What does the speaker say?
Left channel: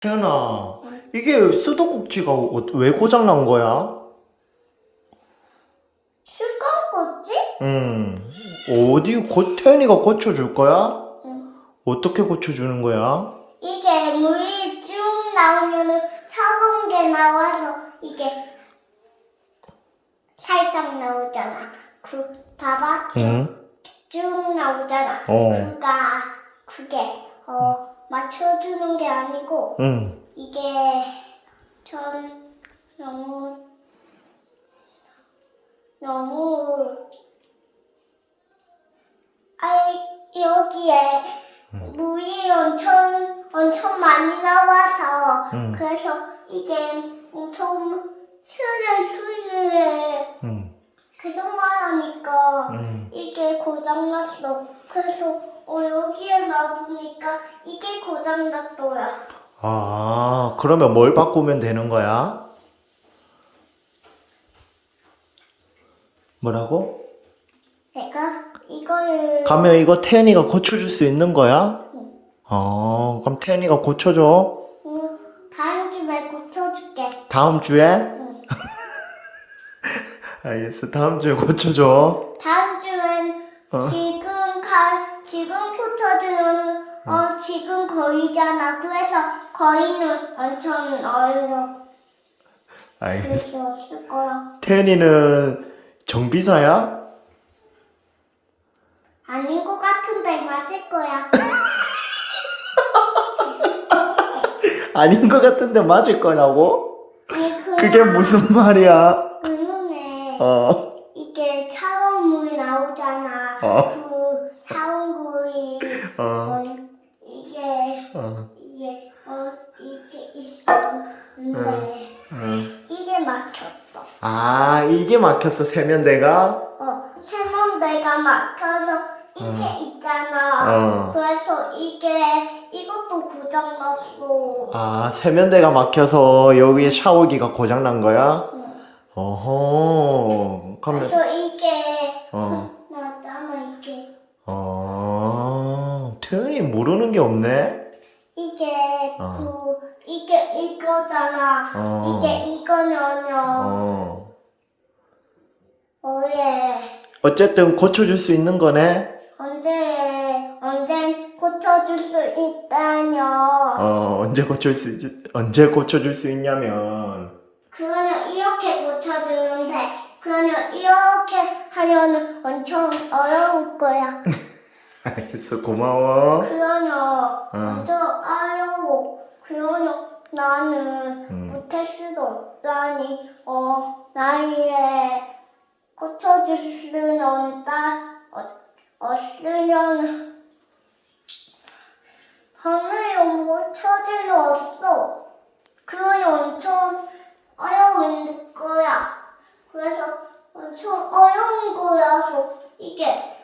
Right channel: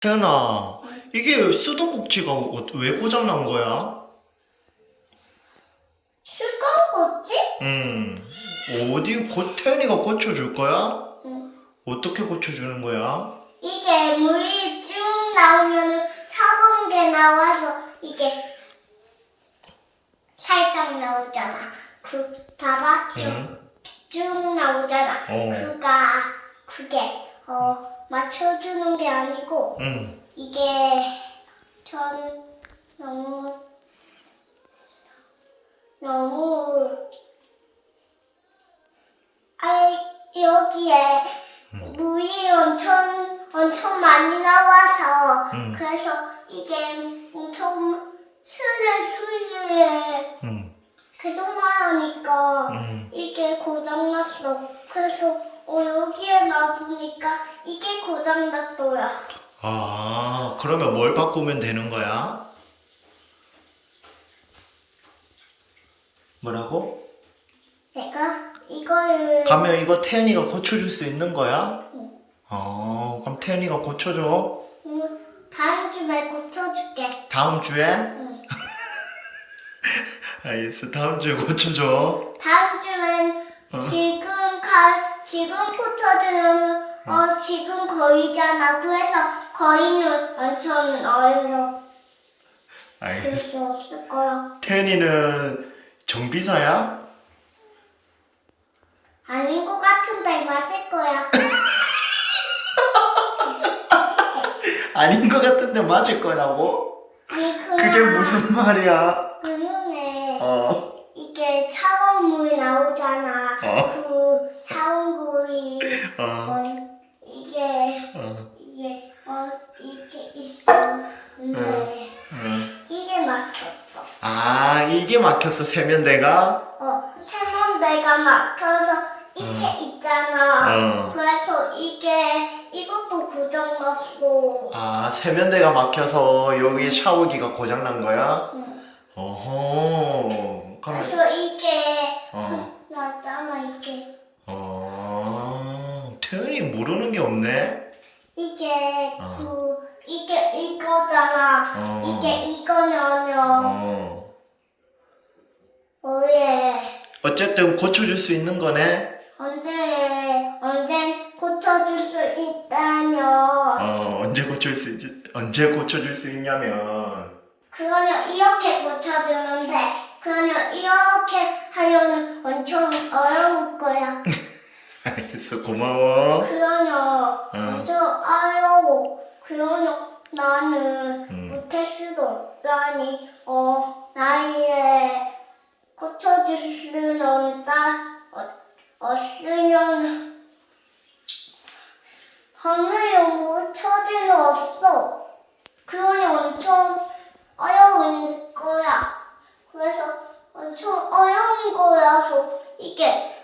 태연아, 이게 수도꼭지가 어- 왜 고장난 거야? 슈퍼꽃지? 응. 어디, 고, 태연이가 고쳐줄 거야? 응. 어떻게 고쳐주는 거야? 이게 물이 쭉 나오면은 차가운 게 나와서 이게 살짝 나오잖아. 그 봐봐 응. 쭉 나오잖아. 어. 그가 그게 어 맞춰주는 게 아니고 응. 이게 전 너무 너무 아 여기에 물이 엄청 엄청 많이 나와서 응. 그래서 이게 엄청 스르스르 응. 계속만 하니까 응. 이게 고장났어. 그래서 어, 여기에 놔보니까 이게 고장났더라. 아, 그러면 뭘 바꾸면 되는 거야? 뭐라고? 내가 이거를 가면 이거 태연이가 고쳐줄 수 있는 거야? 응. 어, 그럼 태연이가 고쳐줘. 음, 다음 주에 고쳐줄게. 다음 주에? 응. 알겠어. 다음 주에 고쳐줘. 다음 주엔 어. 지금 고쳐주는 어 지금 거의잖아. 그래서 거의는 엄청 어려워. 알겠어. 그럴 수 없을 거야. 태연이는 정비사야? 아닌 것 같은데 맞을 거야. 아닌 것 같은데 맞을 거라고? 아니 그냥 그게 무슨 말이야? 그놈에 어, 이게 차가운 물이 나오잖아. 어. 그 차가운 물이 어, 어, 이게 어, 이게 어 이게 있었는데 어. 이게 막혔어. 아, 이게 막혔어, 세면대가? 어 세면대가 막혀서 이게 어. 있잖아. 어. 그래서 이게 이것도 고장났어. 아, 세면대가 막혀서 여기 샤워기가 고장난 거야? 응. 어허, 그럼, 그래서 이게 어, 났잖아 이게 어, 태연이 모르는 게 없네? 이게 어. 그 이게 이거잖아. 어. 이게 이거냐냐. 어. 어예. 어쨌든 고쳐줄 수 있는 거네? 언제 언제 고쳐줄 수 있다뇨. 어, 언제 고칠 수, 있, 언제 고쳐줄 수 있냐면, 그거는 이렇게 고쳐주는데 그거는 이렇게 하려면 엄청 어려울 거야. 알겠어, 고마워. 그거는 엄청 어려워. 그거는 나는 음. 못할 수도 없다니. 어 나이에 고쳐줄 수는 없다. 어, 없으면 하늘에 못 쳐줄 없어. 그건 엄청 어려운 거야. 그래서 엄청 어려운 거라서 이게